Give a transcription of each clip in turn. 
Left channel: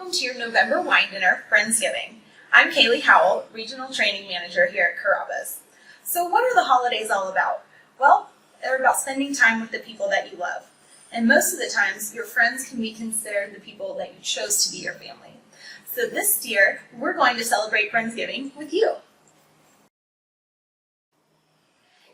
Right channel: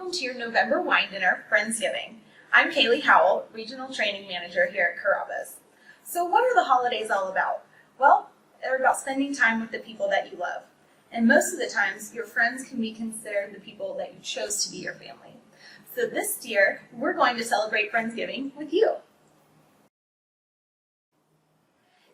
Welcome to your November wine dinner, Friendsgiving. I'm Kaylee Howell, Regional Training Manager here at Carrabba's. So what are the holidays all about? Well, they're about spending time with the people that you love. And most of the times, your friends can be considered the people that you chose to be your family. So this year, we're going to celebrate Friendsgiving with you.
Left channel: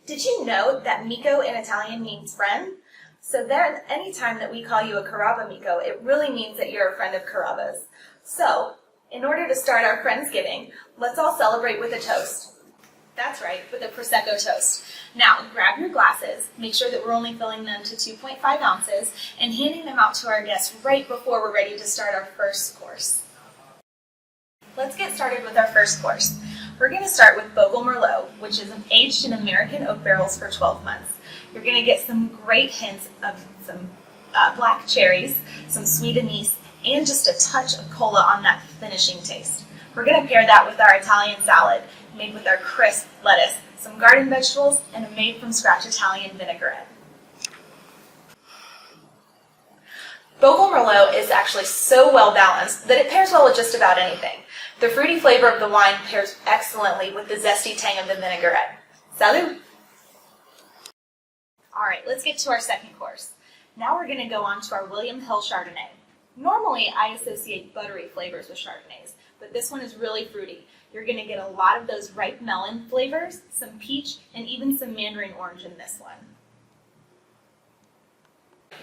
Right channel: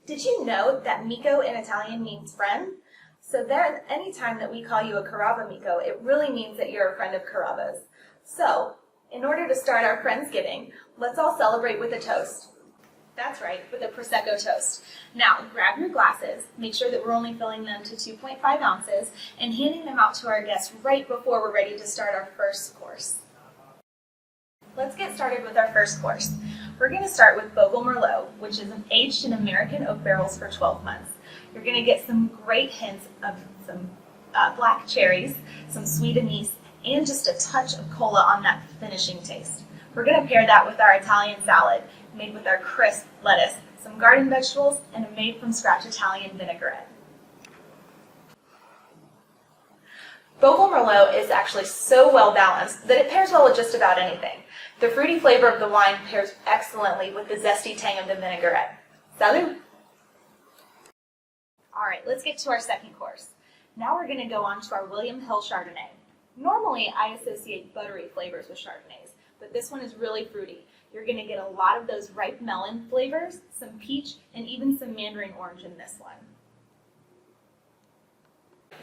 Did you know that amico in Italian means friend? So there, anytime that we call you a Carrabba amico, it really means that you're a friend of Carrabba's. So, in order to start our Friendsgiving, let's all celebrate with a toast. That's right, with a Prosecco toast. Now, grab your glasses, make sure that we're only filling them to 2.5 ounces, and handing them out to our guests right before we're ready to start our first course. Let's get started with our first course. We're going to start with Bogle Merlot, which is aged in American oak barrels for 12 months. You're going to get some great hints of some black cherries, some sweet anise, and just a touch of cola on that finishing taste. We're going to pair that with our Italian salad, made with our crisp lettuce, some garden vegetables, and a made-from-scratch Italian vinaigrette. Bogle Merlot is actually so well balanced that it pairs well with just about anything. The fruity flavor of the wine pairs excellently with the zesty tang of the vinaigrette. Salud! Alright, let's get to our second course. Now we're going to go on to our William Hill Chardonnay. Normally, I associate buttery flavors with Chardonnays, but this one is really fruity. You're going to get a lot of those ripe melon flavors, some peach, and even some mandarin orange in this one.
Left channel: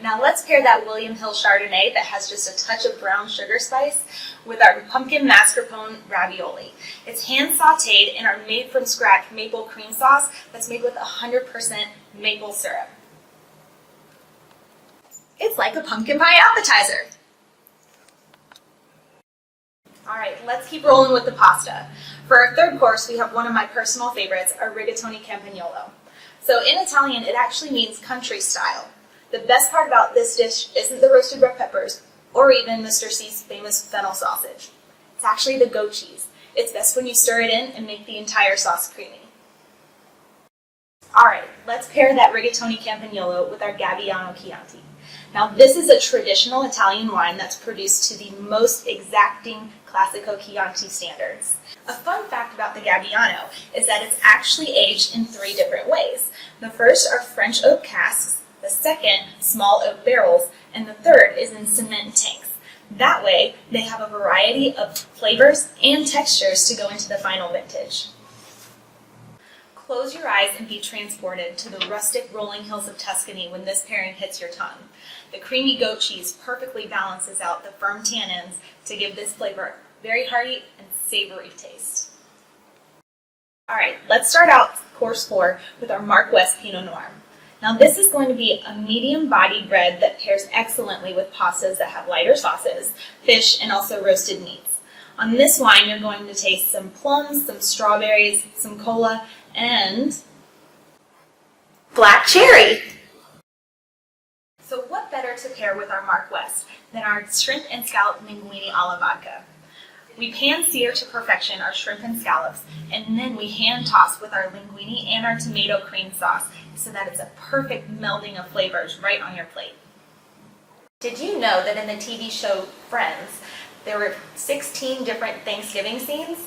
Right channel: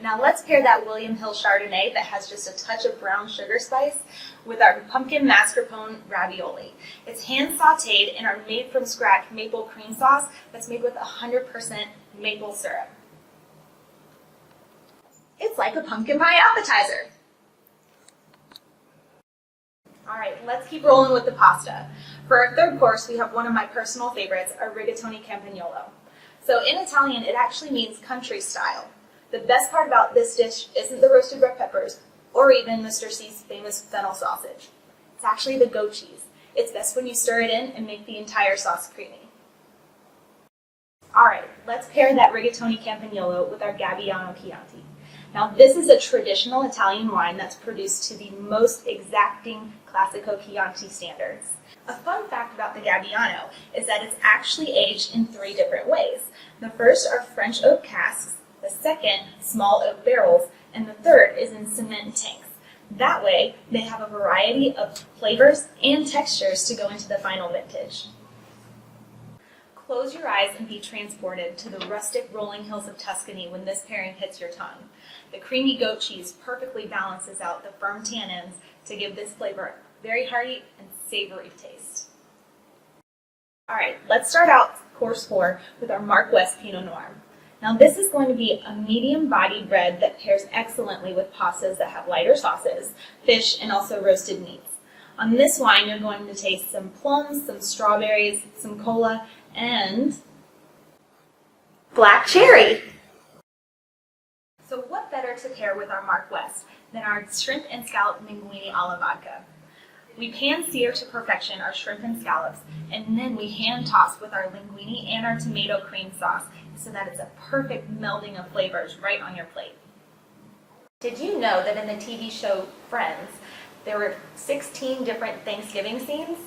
Now let's pair that William Hill Chardonnay that has just a touch of brown sugar spice with our pumpkin mascarpone ravioli. It's hand sauteed in our made-from-scratch maple cream sauce that's made with 100% maple syrup. It's like a pumpkin pie appetizer. Alright, let's keep rolling with the pasta. For our third course, we have one of my personal favorites, our rigatoni campagnolo. So in Italian, it actually means country style. The best part about this dish isn't the roasted red peppers, or even Mr. C's famous fennel sausage. It's actually the goat cheese. It's best when you stir it in and make the entire sauce creamy. Alright, let's pair that rigatoni campagnolo with our Gabbiano Chianti. Now this is a traditional Italian wine that's produced to the most exacting Classico Chianti standards. A fun fact about the Gabbiano is that it's actually aged in 3 different ways. The first are French oak casks, the second, small oak barrels, and the third is in cement tanks. That way, they have a variety of flavors and textures to go into the final vintage. Close your eyes and be transported to the rustic rolling hills of Tuscany when this pairing hits your tongue. The creamy goat cheese perfectly balances out the firm tannins to give this flavor a very hearty and savory taste. Alright, let's start out course 4 with our Mark West Pinot Noir. Now this is going to be a medium-bodied red that pairs excellently with pastas that have lighter sauces, fish, and also roasted meats. On this wine, you're going to taste some plums, some strawberries, some cola, and black cherry. So what better to pair with our Mark West than our shrimp and scallop linguine alla vodka? We pan-sear to perfection our shrimp and scallops, and then we hand-toss with our linguine and our tomato cream sauce so that it's a perfect melding of flavors right on your plate. Did you know that in the TV show Friends, there were 16 different Thanksgiving scenes?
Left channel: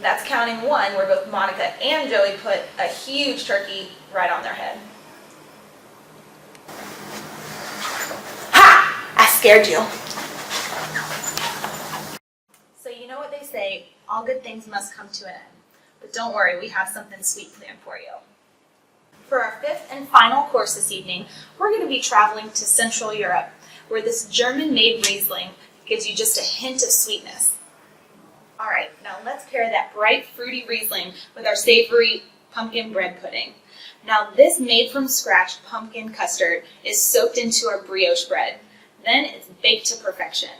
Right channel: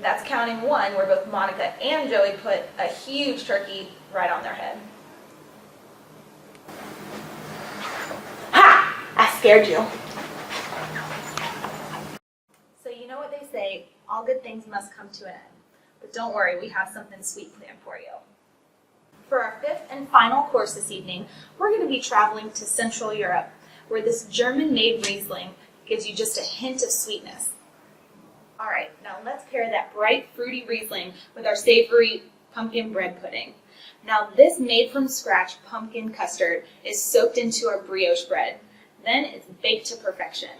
That's counting one where both Monica and Joey put a huge turkey right on their head. Ha! I scared you. So you know what they say, all good things must come to an end. But don't worry, we have something sweet planned for you. For our 5th and final course this evening, we're going to be traveling to Central Europe, where this German-made Riesling gives you just a hint of sweetness. Alright, now let's pair that bright, fruity Riesling with our savory pumpkin bread pudding. Now this made-from-scratch pumpkin custard is soaked into our brioche bread. Then it's baked to perfection.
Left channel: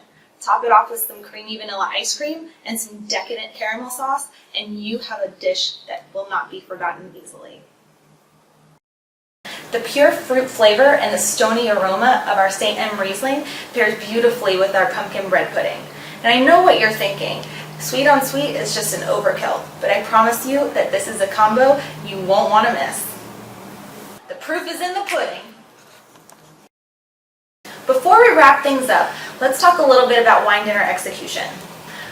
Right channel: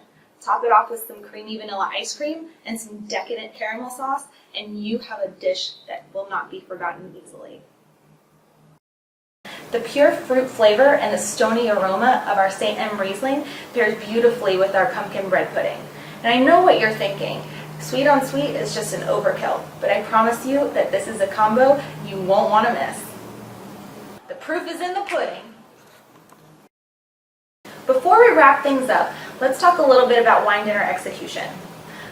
Top it off with some creamy vanilla ice cream and some decadent caramel sauce, and you have a dish that will not be forgotten easily. The pure fruit flavor and the stony aroma of our St. M. Riesling pairs beautifully with our pumpkin bread pudding. And I know what you're thinking. Sweet on sweet is just an overkill, but I promise you that this is a combo you won't want to miss. The proof is in the pudding. Before we wrap things up, Let's talk a little bit about wine dinner execution.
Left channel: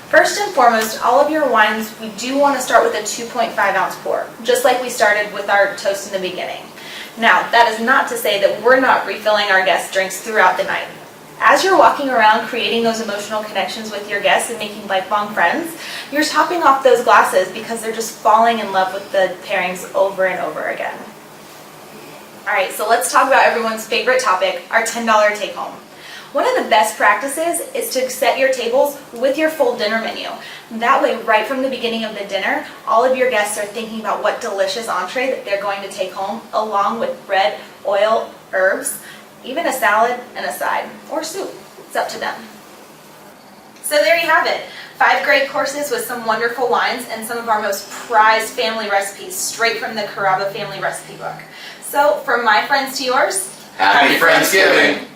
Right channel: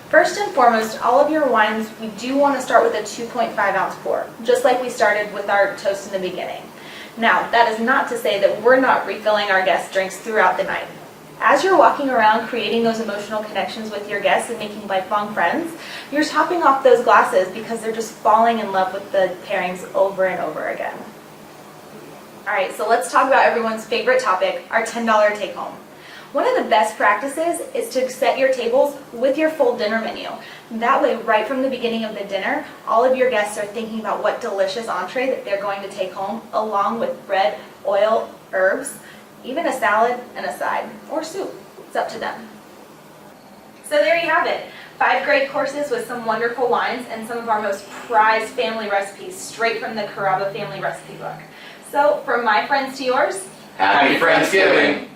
First and foremost, all of your wines, we do want to start with a 2.5 ounce pour, just like we started with our toast in the beginning. Now, that is not to say that we're not refilling our guests' drinks throughout the night. As you're walking around creating those emotional connections with your guests and making lifelong friends, you're topping off those glasses because they're just falling in love with the pairings over and over again. All right, so let's talk about everyone's favorite topic, our $10 take home. One of the best practices is to set your tables with your full dinner menu. That way, right from the beginning of the dinner, all of your guests are thinking about what delicious entree that they're going to take home, along with bread, oil, herbs, even a salad and a side, or soup. It's up to them. So there you have it. 5 great courses with some wonderful wines and some of our most prized family recipes straight from the Carrabba family recipe book. So from my friends to yours, Happy Friendsgiving!